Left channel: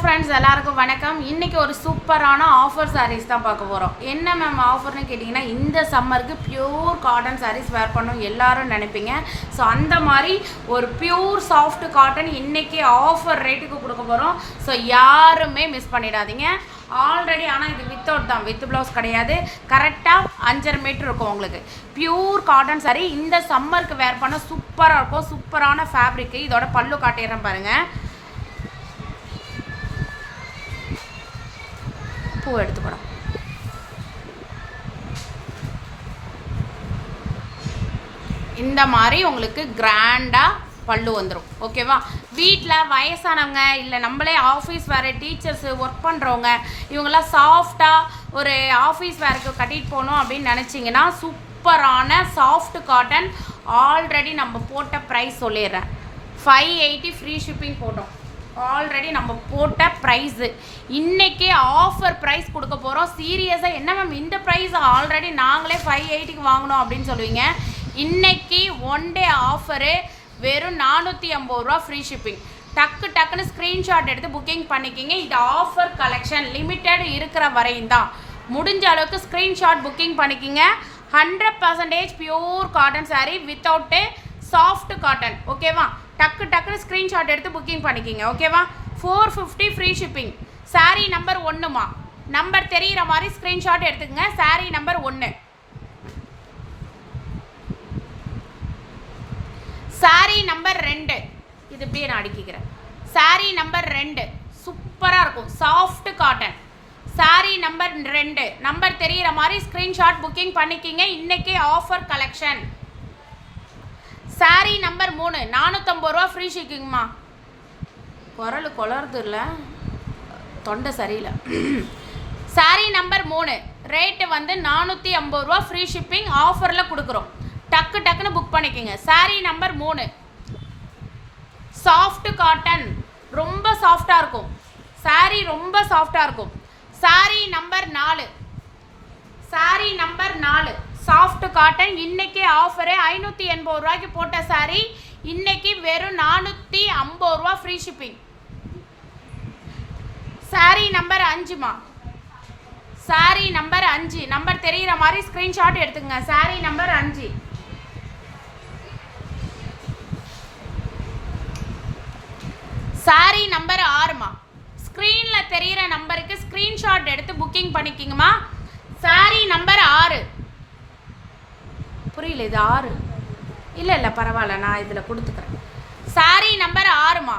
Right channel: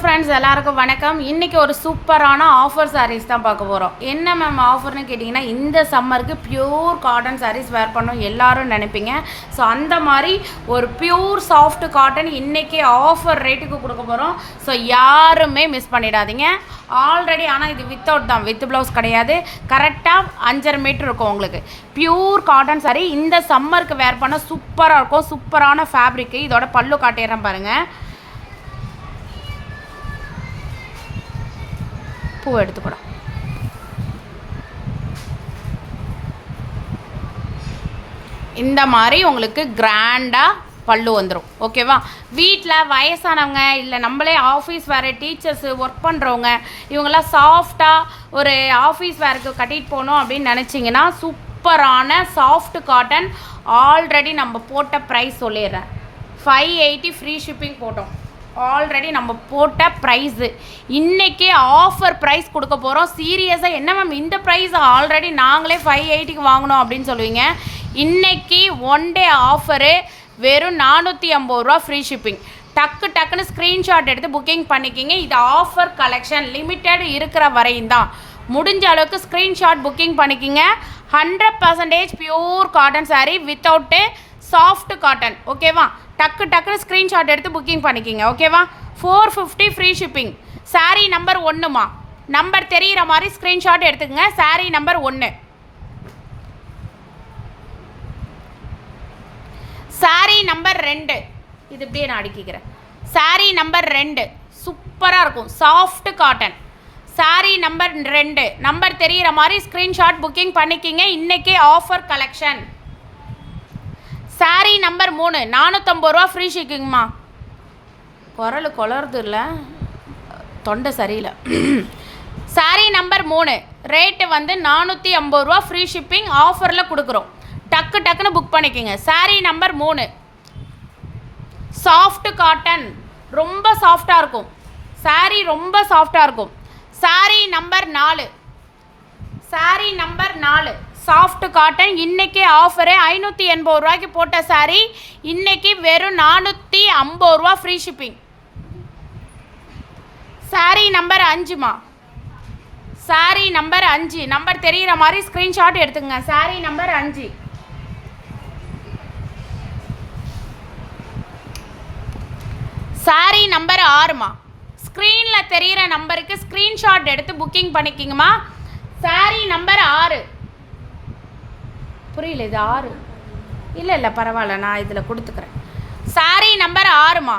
Friends, எல்லாருக்கும் வணக்கம். இன்றைக்கி ஒரு சூப்பரான ஆஃபர் சாரீஸ் தான் பார்க்க போகிறோம். என்ன மேம் ஆஃபர்னு கேட்டிங்கன்னா, இந்த சம்மருக்கு பியூர் காட்டன் சாரீஸ் வேர் பண்ணணும் எல்லோரும் நினைப்பீங்க. ஸோ அந்த மாதிரி ஒரு பியூர் சாஃப்ட் காட்டன் இன்றைக்கி ஆஃபர் ரேட்டுக்கு கொடுக்க போகிறோம். ஸோ யாருமே மிஸ் பண்ணிடாதீங்க. ஆல்ரெடி ஆனால் இது வித்தவுட் தான், வித் ப்ளவுஸ் கிடையாது. கரெக்டாக 5.5 மீட்டர் இருக்கும் உங்களுக்கு. பியூர் காட்டன் சாரீ இந்த சம்மருக்கு வேர் பண்ண சூப்பராக இருக்கும். சூப்பரான ஃபேப்ரிக்கு. இதோட பல்லு காட்டிடுறேன் பாருங்கள். பூ எடுத்துக்கூடும். இந்த மாதிரி உங்களுக்கு கிராண்டாக பல்லு வந்துடும். ஓகேவா? வீட்டில் வயசானவங்க இல்லை நம்மளே ஆஃபீஸ் வேறு டீச்சர்ஸு ஒர்க் பண்ணுறவங்க இவங்கெல்லாம் சாஃப்டாக ஒரு ஆஃபீஸ் வேருக்கு கட்டிட்டு போகணும் அப்படின்னு நினச்சிங்கன்னா சூப்பரான சாஃப்ட் காட்டன். ஆல்ரெடி நம்ம போட்ட ப்ரைஸ் சொல்லிடுறேன். 580 ஃப்ரீ ஷிப்பிங் போட்டோம். ஆல்ரெடி நம்ம போட்ட ப்ரைஸு இன்றைக்கி ஆஃபர் ப்ரைஸ் கொடுக்க போகிறோம். சீரியஸாக என்ன மேம் இந்த ப்ரைஸ் ஆல்ரெடி நாங்களே 580க்கு வாங்கினோம் அப்படின்னு சொல்லுவீங்க. இன்றைக்கி ஒன் டே ஆஃபரு வெறும் 450 ரூபா ஃப்ரீ ஷிப்பிங். டக்குன்னு ஸ்க்ரீன்ஷாட் எடுத்து புக்கிங் பண்ணிக்கிங்க. இது ஆஃபர் கலெக்ஷன் லிமிட்டட் இருக்கிற வரையும் தான். முடிஞ்ச அளவுக்கு ஸ்க்ரீன்ஷாட் புக்கிங் பண்ணிக்கிங்க. 100% pure cotton saree without soft cotton. ஓகேவா? டக்குன்னு ஸ்க்ரீன்ஷாட் எடுத்து புக்கிங் பண்ணிக்கிங்க. ஓகேவா? 450 ஃப்ரீ ஷிப்பிங். சாரீ நம்பர் 1மா, நம்பர் தெரிகிற மாதிரி ஸ்க்ரீன்ஷாட் எடுத்துக்கங்க. சாரீ நம்பர் 1. சாரீ நம்பர் 2. இது இப்படியே நான் அடுக்கிக்கிறேன். சாரீ நம்பர் 2 சூப்பராக இருக்கும். Soft cotton. Sari number 2 number தெரிகிற மாதிரி ஸ்க்ரீன்ஷாட் புக்கிங் பண்ணிக்கிங்க. இன்றைக்கி ஆஃபர் கலெக்ஷன். சாரீ நம்பர் 3 450 ரூபா ஃப்ரீ ஷிப்பிங்மா. குரல் குளருது இல்லை, தொண்டை சரியில்லை. சாரீ நம்பர் 3 ரேட்டு வந்து 450 ரூபா ஃப்ரீ ஷிப்பிங் ஆஃபரில் கொடுக்குறோம். டக்குன்னு புக் பண்ணிக்கோங்க. Saree number 3 soft cotton. ரொம்ப சாஃப்டாக இருக்கும். சாரீ ரொம்ப சாஃப்டாக இருக்கும். Saree number 4. Saree number 4 soft cotton. இன்றைக்கி ஆஃபரு 580 ரூபாய்க்கு போட்ட சாரீ இன்றைக்கி வெறும் 450 ரூபா ஃப்ரீ ஷிப்பிங். சாரீ நம்பர் 5மா. சாரீ நம்பர் 5 நம்பர் தெரிகிற மாதிரி ஸ்க்ரீன்ஷாட் எடுத்துங்க. சாரீ நம்பர் 5. சாரீ நம்பர் 6மா. ஸ்க்ரீனில் தெரிகிற நம்பருக்கு ஸ்க்ரீன்ஷாட் எடுத்து புக்கிங் பண்ணிக்கிங்கம்மா. சாரீ நம்பர் 6. புரியல, இது 6 இல்லை பரவாயில்ல, நான் இதில் கொடுத்துக்கிறேன். சாரீ நம்பர் 6மா.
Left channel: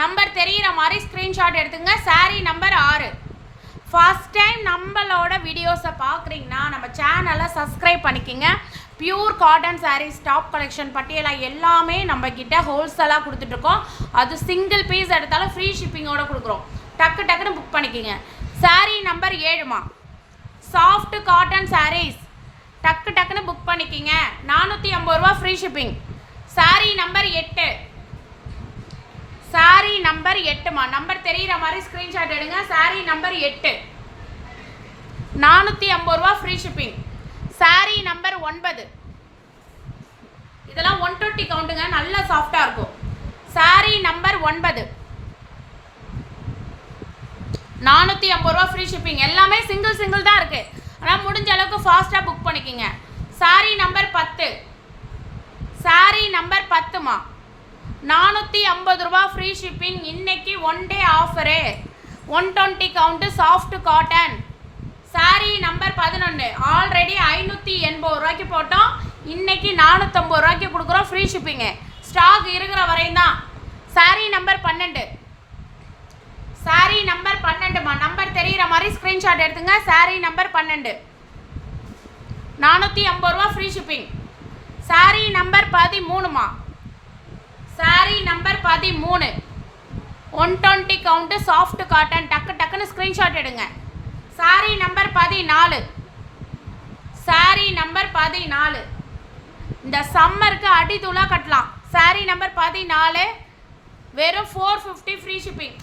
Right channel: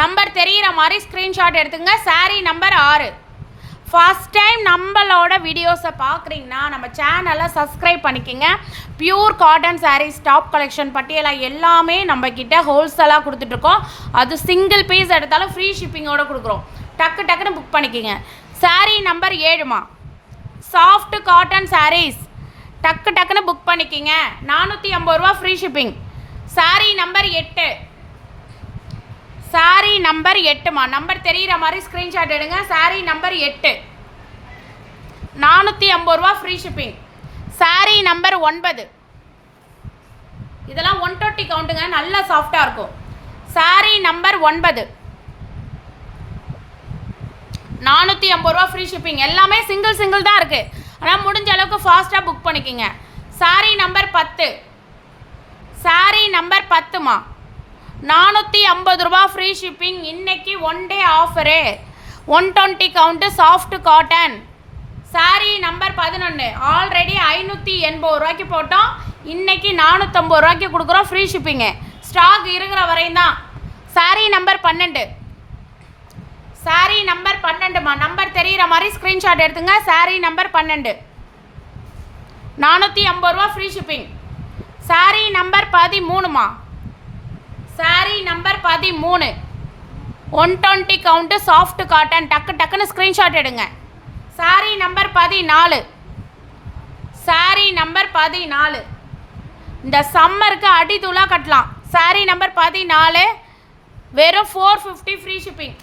நம்பர் தெரிகிற மாதிரி ஸ்க்ரீன்ஷாட் எடுத்துங்க. சாரீ நம்பர் 6. ஃபஸ்ட் டைம் நம்மளோட வீடியோஸை பார்க்குறீங்கன்னா நம்ம சேனலை சப்ஸ்கிரைப் பண்ணிக்கோங்க. Pure cotton sarees top collection பட்டியலாக எல்லாமே நம்மக்கிட்ட ஹோல்சேலாக கொடுத்துட்ருக்கோம். அது சிங்கிள் பீஸ் எடுத்தாலும் ஃப்ரீ ஷிப்பிங்கோடு கொடுக்குறோம். டக்குன்னு புக் பண்ணிக்கோங்க. சாரீ நம்பர் 7மா. சாஃப்ட் காட்டன் சாரீஸ் டக்குன்னு புக் பண்ணிக்கிங்க. 450 ரூபா free shipping. Saree number 8. Saree number 8மா. நம்பர் தெரிகிற மாதிரி ஸ்க்ரீன்ஷாட் எடுங்க. சாரீ நம்பர் 8 450 ரூபா ஃப்ரீ ஷிப்பிங். சாரீ நம்பர் 9. இதெல்லாம் 120 கவுண்ட்டுங்க, நல்லா சாஃப்டாக இருக்கும். சாரீ நம்பர் 9 450 ரூபா ஃப்ரீ ஷிப்பிங். எல்லாமே சிங்கிள் தான் இருக்குது. ஆனால் முடிஞ்ச அளவுக்கு ஃபாஸ்ட்டாக புக் பண்ணிக்கோங்க. சாரீ நம்பர் 10. சாரீ நம்பர் 10மா. 450 ரூபா ஃப்ரீ ஷிப்பிங். இன்றைக்கி one day offer 120 count soft cotton. Sari number 11 already 580 ரூபாய்க்கு போட்டோம். இன்றைக்கி 450 ரூபாய்க்கு கொடுக்குறோம் ஃப்ரீ ஷிப்பிங்கு. ஸ்டாக் இருக்கிற வரையும் தான். சாரீ நம்பர் 12. சாரீ நம்பர் 12மா. நம்பர் தெரிகிற மாதிரி ஸ்க்ரீன்ஷாட் எடுத்துங்க. சாரீ நம்பர் 12 450 ரூபா ஃப்ரீ ஷிப்பிங். சாரீ நம்பர் 13மா. Saree number 13 120 count soft cotton. டக்குன்னு ஸ்க்ரீன்ஷாட் எடுங்க. சாரீ நம்பர் 14. சாரீ நம்பர் 14 இந்த சம்மருக்கு அடித்தூளாக கட்டலாம். சாரீ நம்பர் 14 வெறும் 450 free shipping.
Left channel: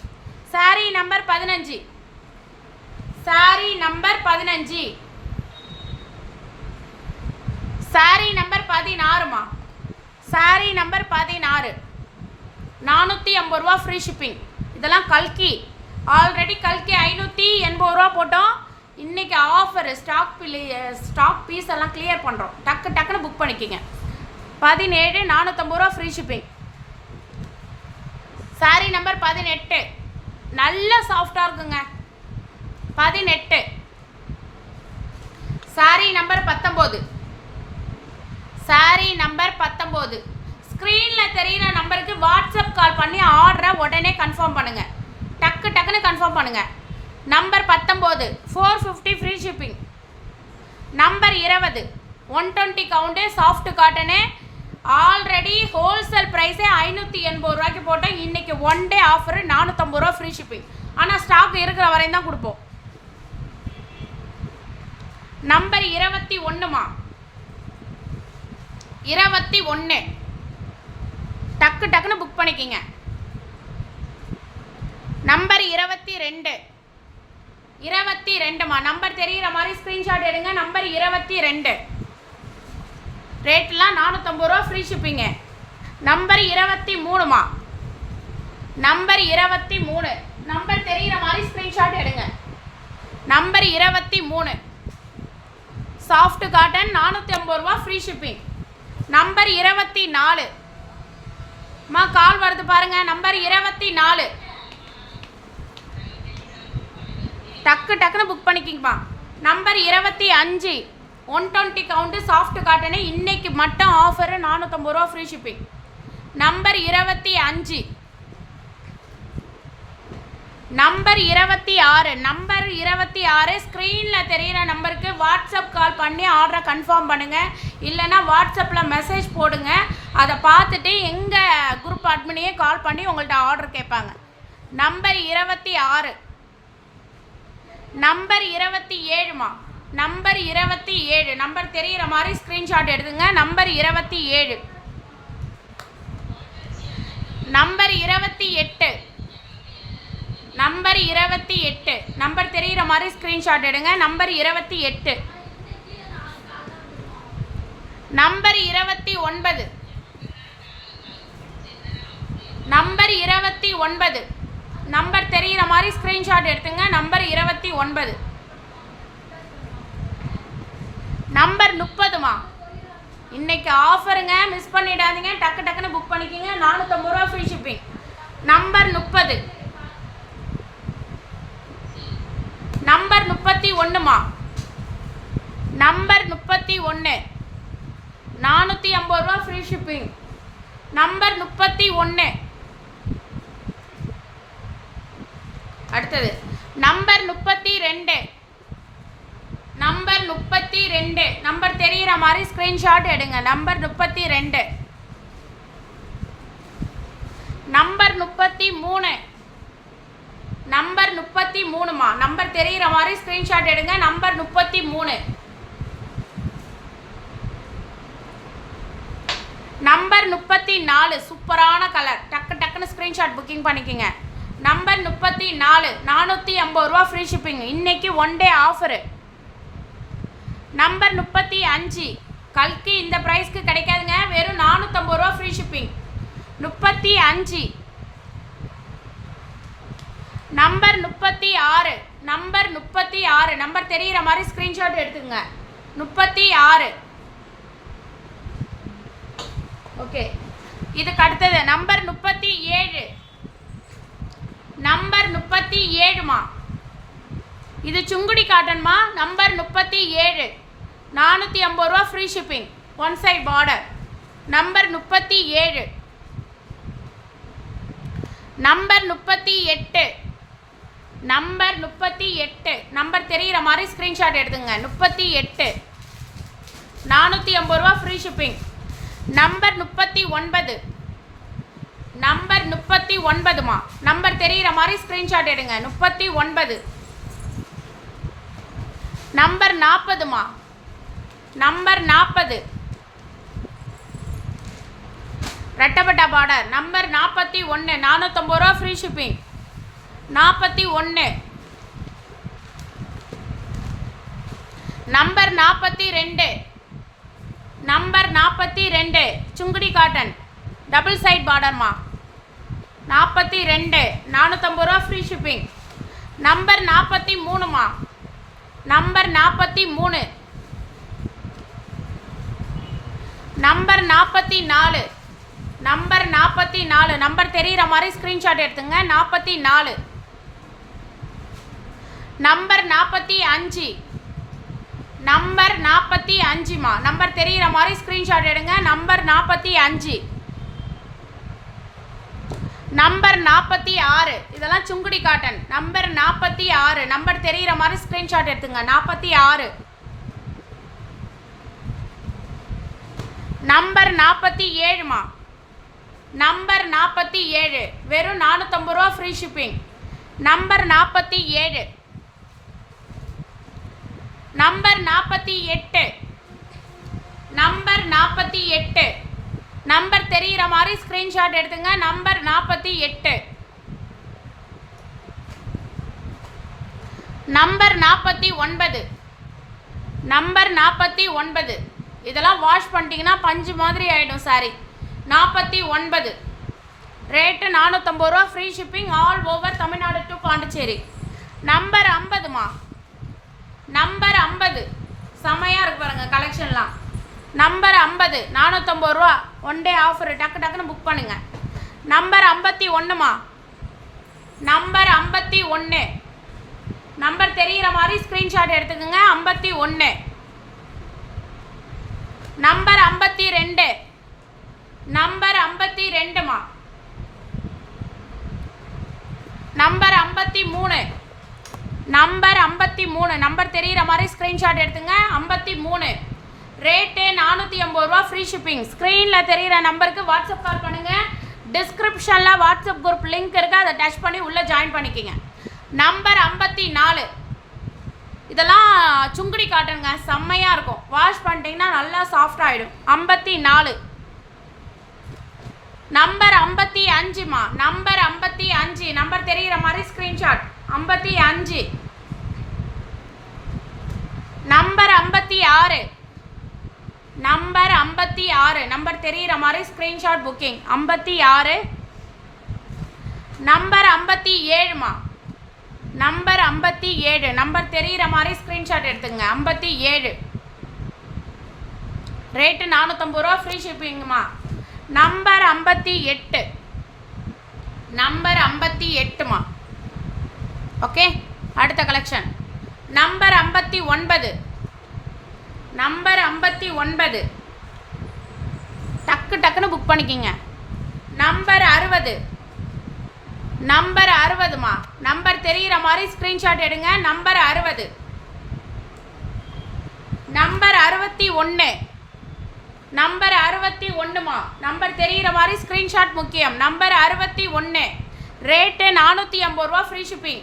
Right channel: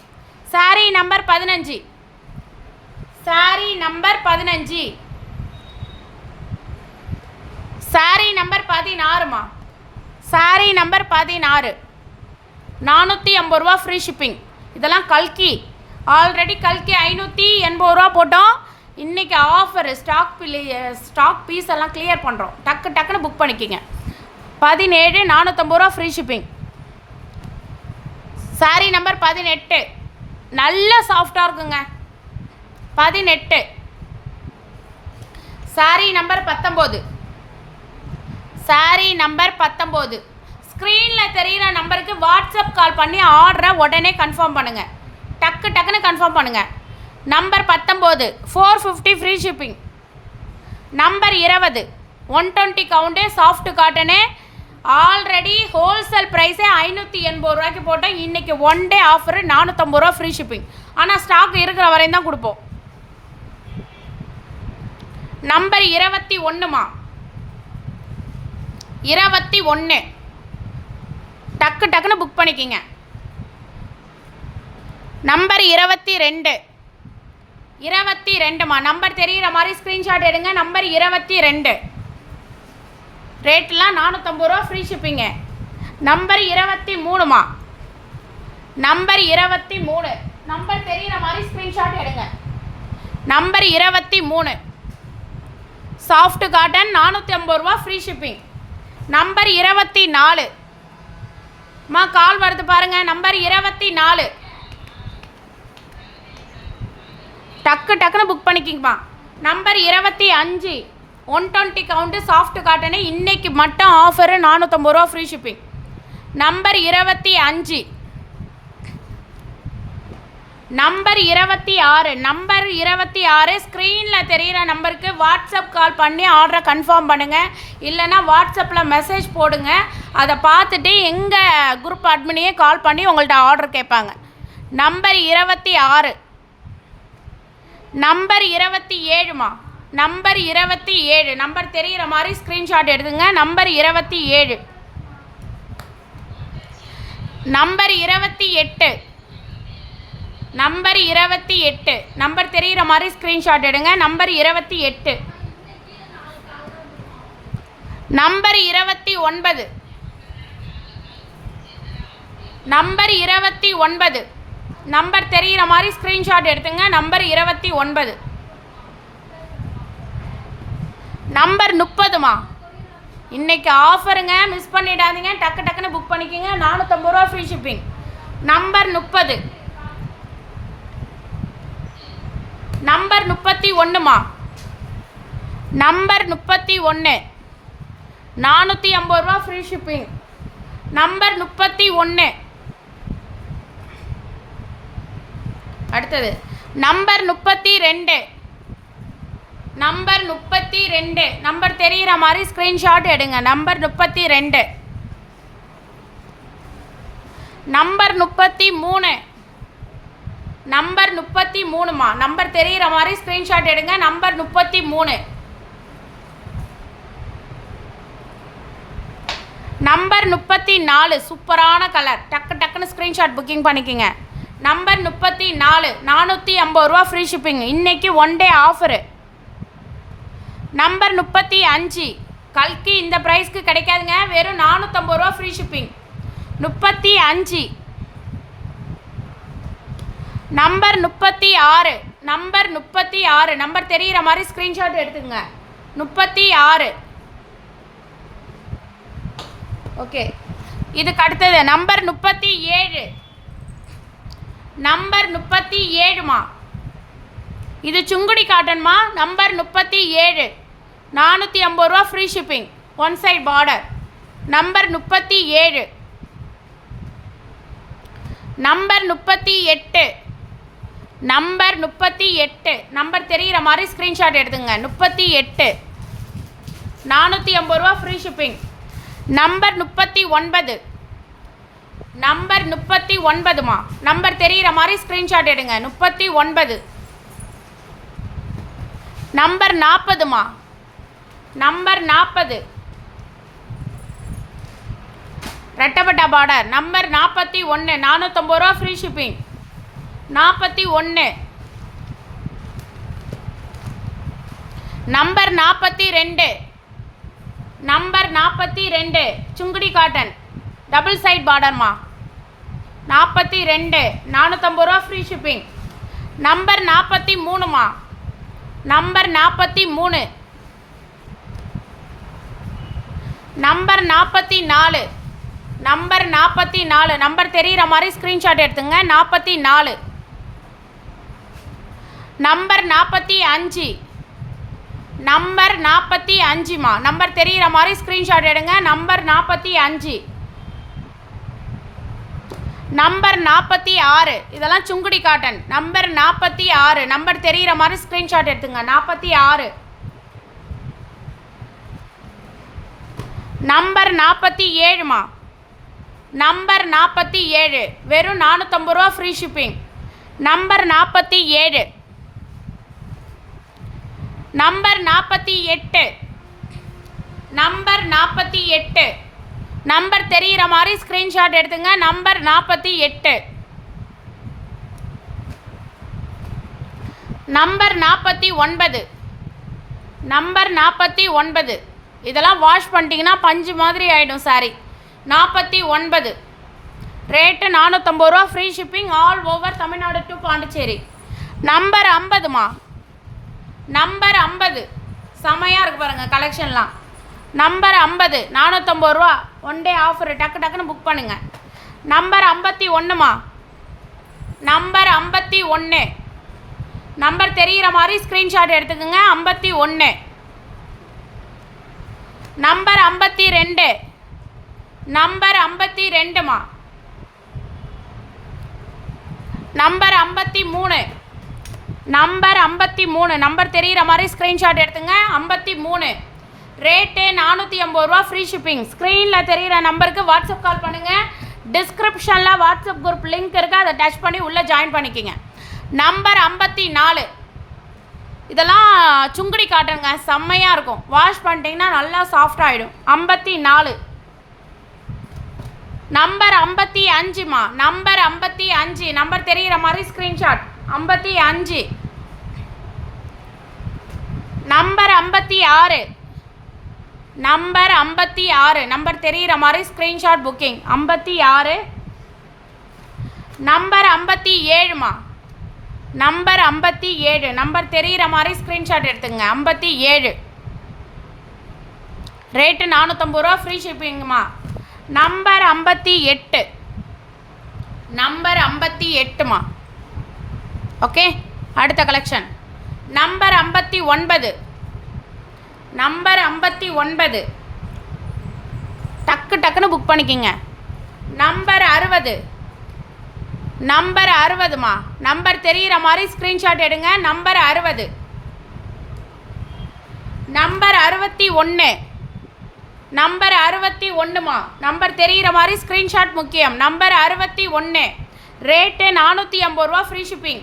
Saree number 15. Saree number 15. Saree number 16மா. சாரீ நம்பர் 16 450 ரூபா ஃப்ரீ ஷிப்பிங். இதெல்லாம் கல்கி. ஆல்ரெடி கல்கி 580 ரூபா போட்டோம். இன்றைக்கி ஆஃபரு ஸ்டாக் பீஸ் எல்லாம் கிளியர் பண்ணுறோம். டக்குன்னு புக் பண்ணிக்கோங்க. 17 450 ரூபா ஃப்ரீ ஷிப்பிங். சாரீ நம்பர் 18 நல்ல சாஃப்டாக இருக்குங்க. 18. சாரீ நம்பர் 19. சாரீ நம்பர் 19. ஸ்க்ரீனில் தெரிகிற நம்பருக்கு வாட்ஸ்அப் கால் பண்ணி ஆர்டரை உடனே கன்ஃபார்ம் பண்ணுங்கள். டக்குன்னு கன்ஃபார்ம் பண்ணுங்கள். Number 19 450 free shipping. Number 20 120 count soft cotton. Already wholesale ப்ரைஸே 580 ரூபாய்க்கு போட்டோம். இன்றைக்கி ஒன் டே ஆஃபரு 450 ரூபா ஃப்ரீ ஷிப்பிங். ஆனால் ஸ்டாக் இருக்கிற வரையும் தான் கொடுப்போம். நம்பர் 21மா, 21 டக்குன்னு புக் பண்ணிக்கிங்க. நம்பர் 22மா, நம்பர் தெரிகிற மாதிரி ஸ்க்ரீன்ஷாட் எடுங்க. நம்பர் 22 ரேட்லாம் 450 ரூபா ஃப்ரீ ஷிப்பிங்க. நம்பர் 23மா, நம்பர் 23 நம்பர் தெரிகிற மாதிரி ஸ்க்ரீன்ஷாட் எடுங்க. நம்பர் 23 சாஃப்ட் காட்டன் 450 ரூபா ஃப்ரீ ஷிப்பிங். நம்பர் 24 மா கால் வருது பாருங்கள். நம்பர் 24 டக்குன்னு புக் பண்ணிக்கிங்கம்மா. Number 25 120 count soft cotton. இன்றைக்கி மட்டும் ஆஃபரு 450 ரூபா free shipping. Number 25 number 26 number 26 ஸ்க்ரீனில் தெரிகிற நம்பருக்கு வாட்ஸ்அப் கால் பண்ணி ஆர்டரை கன்ஃபார்ம் பண்ணுங்கள். இல்லைனா வாட்ஸ்அப்பில் மெசேஜ் போடுங்க. அதை பார்த்துட்டு எங்கள் குரூப் அட்மினையே கால் பண்ணி உங்கள்கிட்ட ஆர்டர் கேட்பாங்க. நம்பர் 26 நம்பர் 27மா, நம்பர் 27 நம்பர் தெரிகிற மாதிரி ஸ்க்ரீன்ஷாட் எடுத்துங்க. நம்பர் 27 நம்பர் 28 நம்பர் 28 நம்பர் தெரிகிற மாதிரி ஸ்க்ரீன்ஷாட் எடுங்க. நம்பர் 28 நம்பர் 29 நம்பர் 29 நம்பர் தெரிகிற மாதிரி ஸ்க்ரீன்ஷாட் எடுத்துங்க. நம்பர் 29 நம்பர் 30மா, இன்றைக்கி ஆஃபருங்க, மிஸ் பண்ணிடாதீங்க. டக்குன்னு புக் பண்ணிக்கோங்க. 450 ரூபா ஃப்ரீ ஷிப்பிங். நம்பர் 30 நம்பர் 31மா, நம்பர் 31 450 ரூபா ஃப்ரீ ஷிப்பிங். நம்பர் 31 அடுத்தது நம்பர் 32 நம்பர் 32 நம்பர் தெரிகிற மாதிரி ஸ்க்ரீன்ஷாட் எடுங்க. நம்பர் 32 நம்பர் 33 நம்பர் 33மா, நம்பர் தெரிகிற மாதிரி ஸ்க்ரீன்ஷாட் எடுங்க. நம்பர் 33 நம்பர் 34 சூப்பரான கலர். டக்குன்னு ஸ்க்ரீன்ஷாட் புக்கிங் பண்ணிக்கோங்க. நம்பர் 34 450 ரூபா ஃப்ரீ ஷிப்பிங். இன்றைக்கி ஒன் டே ஆஃபரு. நம்பர் 35 கல்கி இந்த ப்ரைஸ்க்கு கிடைக்காதுங்க. வெறும் 450 ரூபா free shipping. 35 number 36 number 36 number தெரிகிற மாதிரி ஸ்க்ரீன்ஷாட் எடுத்துங்க. 36 ஓகே. இதுக்கு அடுத்தது நம்பர் 37 நம்பர் 37மா, இது சுங்குடி காட்டன்மா. நம்பர் 37 450 ரூபா free shipping. One side border. Number 37 number 38 number 38 number தெரிகிற மாதிரி ஸ்க்ரீன்ஷாட் எடுத்துங்க. 38 450 ரூபா free shipping. Number 39 number 39மா, number தெரிகிற மாதிரி ஸ்க்ரீன்ஷாட் எடுங்க. 39 நம்பர் 40மா, நம்பர் 40 ரெட்டப்பட்டா பார்டர். நம்பர் 41 450 ரூபா free shipping. 41 number 42 number 42 Sungudi cotton double side பார்டர்மா. 42 450 ரூபா free shipping. Number 43மா, number 43, number 44, number 44, number தெரிகிற மாதிரி ஸ்க்ரீன்ஷாட் எடுத்துங்க. 44, நம்பர் 45, நம்பர் 45மா, நம்பர் தெரிகிற மாதிரி ஸ்க்ரீன்ஷாட் எடுங்க. நம்பர் 45, நம்பர் 46, இதெல்லாம் சுங்குடி காட்டன். நம்பர் 46, நம்பர் தெரிகிற மாதிரி ஸ்க்ரீன்ஷாட் எடுத்துங்க. 46, நம்பர் 47மா, நம்பர் 47, வெறும் 450 ரூபா free shipping. Number 47, number 48, number 48, number தெரிகிற மாதிரி ஸ்க்ரீன்ஷாட் எடுத்துங்க. நம்பர் 48, நம்பர் 49, நம்பர் 49, இதெல்லாம் வாஷ் பண்ணிட்டீங்கன்னா பஞ்சு மாதிரி ஆகிடும் சாரி. 49, ரேட்டு 450 ரூபா free shipping all over Tamil Nadu to Pondicherry. Number 50மா, number 50, செமையாக இருக்கு பாருங்கள் கலெக்ஷன்லாம். நம்பர் 50 450 ரூபா, ஒன் டே ஆஃபர், டக்கு டக்குன்னு புக் பண்ணுங்கள். நம்பர் 51மா, நம்பர் 51, நம்பர் தெரிகிற மாதிரி ஸ்க்ரீன்ஷாட் எடுத்துக்கோங்க. 51, நம்பர் 52, நம்பர் 52மா, நம்பர் 53, நம்பர் 53, நம்பர் தெரிகிற மாதிரி ஸ்க்ரீன்ஷாட் எடுத்துங்க. 53, ரேட்டு 450 ரூபா ஃப்ரீ ஷிப்பிங். ஸ்க்ரீனில் தெரிகிற நம்பருக்கு வாட்ஸ்அப் கால் பண்ணுங்கள். டிஸ்கிரிப்ஷனில் வாட்ஸ்அப் குரூப் லிங்க் இருக்குது, அதை டச் பண்ணி உள்ளே ஜாயின் பண்ணிக்கோங்க. நம்பர் 54, இதெல்லாம் சுங்குடி காட்டுங்க, செம்மையாக இருக்கும். வாஷ் பண்ணிட்டீங்கன்னா நல்லா சாஃப்டாகிடும். 54, நம்பர் 55மா, நம்பர் 55, நம்பர் தெரிகிற மாதிரி ஸ்க்ரீன்ஷாட். 55, நம்பர் 56, நம்பர் 56, நம்பர் தெரிகிற மாதிரி ஸ்க்ரீன்ஷாட் புக்கிங். 56, நம்பர் 57மா, நம்பர் 57, நம்பர் தெரிகிற மாதிரி ஸ்க்ரீன்ஷாட் எடுத்துங்க. 57, ரேட்டு 450 ரூபா ஃப்ரீ ஷிப்பிங்குமா. நம்பர் 58, நம்பர் 58மா. ஓகே, அடுத்த கலெக்ஷன். நம்பர் 59, நம்பர் 59, டக்கு டக்குன்னு புக் பண்ணிக்கிங்க. நம்பர் 60, நம்பர் 60மா, நம்பர் தெரிகிற மாதிரி ஸ்க்ரீன்ஷாட் எடுங்க. நம்பர் 60, நம்பர் 61, நம்பர் 61மா, நம்பர் தெரிகிற மாதிரி ஸ்க்ரீன்ஷாட் முக்கியம். நம்பர் 61, ரேட்டு 450 ரூபா ஃப்ரீ ஷிப்பிங்.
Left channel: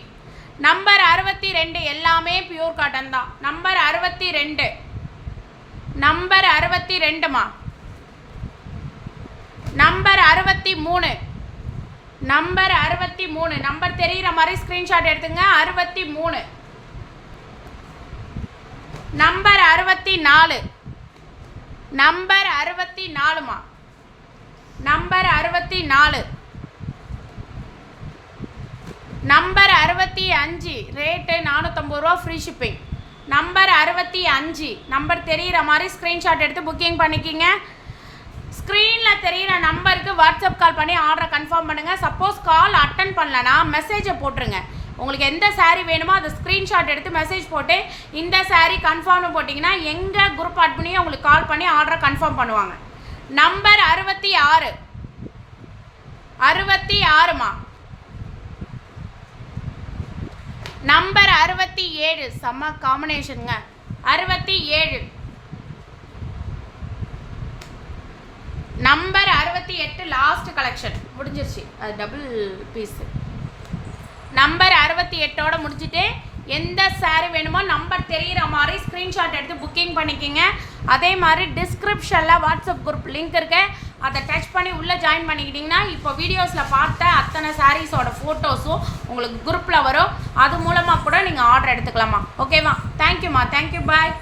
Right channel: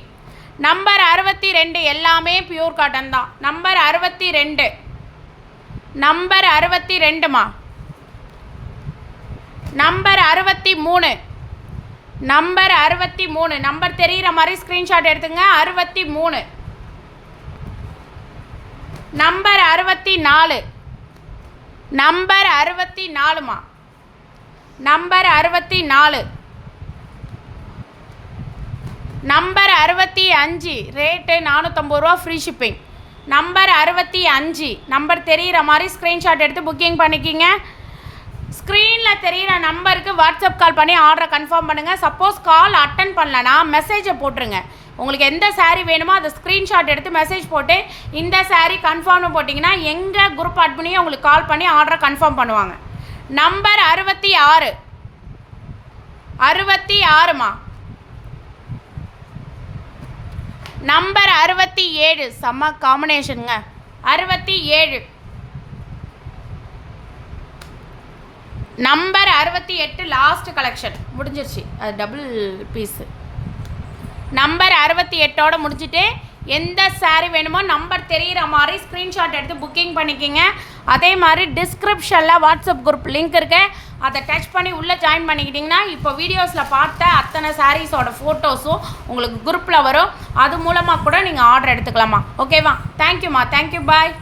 நம்பர் 62, எல்லாமே பியூர் காட்டன் தான். நம்பர் 62, நம்பர் 62மா, நம்பர் 63, நம்பர் 63, நம்பர் தெரிகிற மாதிரி ஸ்க்ரீன்ஷாட் எடுத்துங்க. 63, நம்பர் 64, நம்பர் 64மா, நம்பர் 64, நம்பர் 65, ரேட்டு 450 ரூபா ஃப்ரீ ஷிப்பிங். நம்பர் 65, நம்பர் தெரிகிற மாதிரி ஸ்க்ரீன்ஷாட் எடுத்து புக்கிங் பண்ணிக்கிங்க. ஸ்க்ரீனில் தெரிகிற நம்பருக்கு வாட்ஸ்அப் கால் பண்ணி ஆர்டரை கன்ஃபார்ம் பண்ணுங்கள். சப்போஸ் கால் அட்டன் பண்ணலன்னா மெசேஜை போட்டுருங்க. உங்களுக்கு எந்த சாரீ வேணுமோ அதை ஸ்க்ரீன்ஷாட் எடுத்து மெசேஜ் போட்டு இந்த சாரீ கன்ஃபார்ம்னு போட்டிங்கன்னா எங்கள் குரூப் அட்மினையும் உங்களுக்கு கால் பண்ணி ஆர்டரை கன்ஃபார்ம் பண்ணுவாங்க. நம்பர் 66, 66மா, நம்பர் 67, செம்ம காம்பினேஷனுங்க. 67, நம்பர் 68, லாஸ்ட் கலெக்ஷன் முடிஞ்சிருச்சு, அது டபுள் பீஸு. நம்பர் 68ஓட முடிச்சுட்டு எந்த சாரீ வேணுமோ நம்பர் தெரிகிற மாதிரி ஸ்க்ரீன்ஷாட் எடுத்து புக்கிங் பண்ணிக்கிங்க. அதே மாதிரி டிஸ்கிரிப்ஷனில் வாட்ஸ்அப் குரூப் லிங்க் இருக்கு, அதை டச் பண்ணி உள்ளே ஜாயின் பண்ணிக்கிட்டிங்கன்னா இப்போ வீடியோஸில் பார்த்த அத்தனை சாரீஸோட ஃபோட்டோஸும் உங்களுக்கு குரூப்பில் வரும். அது மூலமாக கூட நீங்கள் ஆர்டர் எடுத்துக்கலாமா. ஓகேவா? தேங்க்யூம்மா, தேங்க்யூ, பாய்.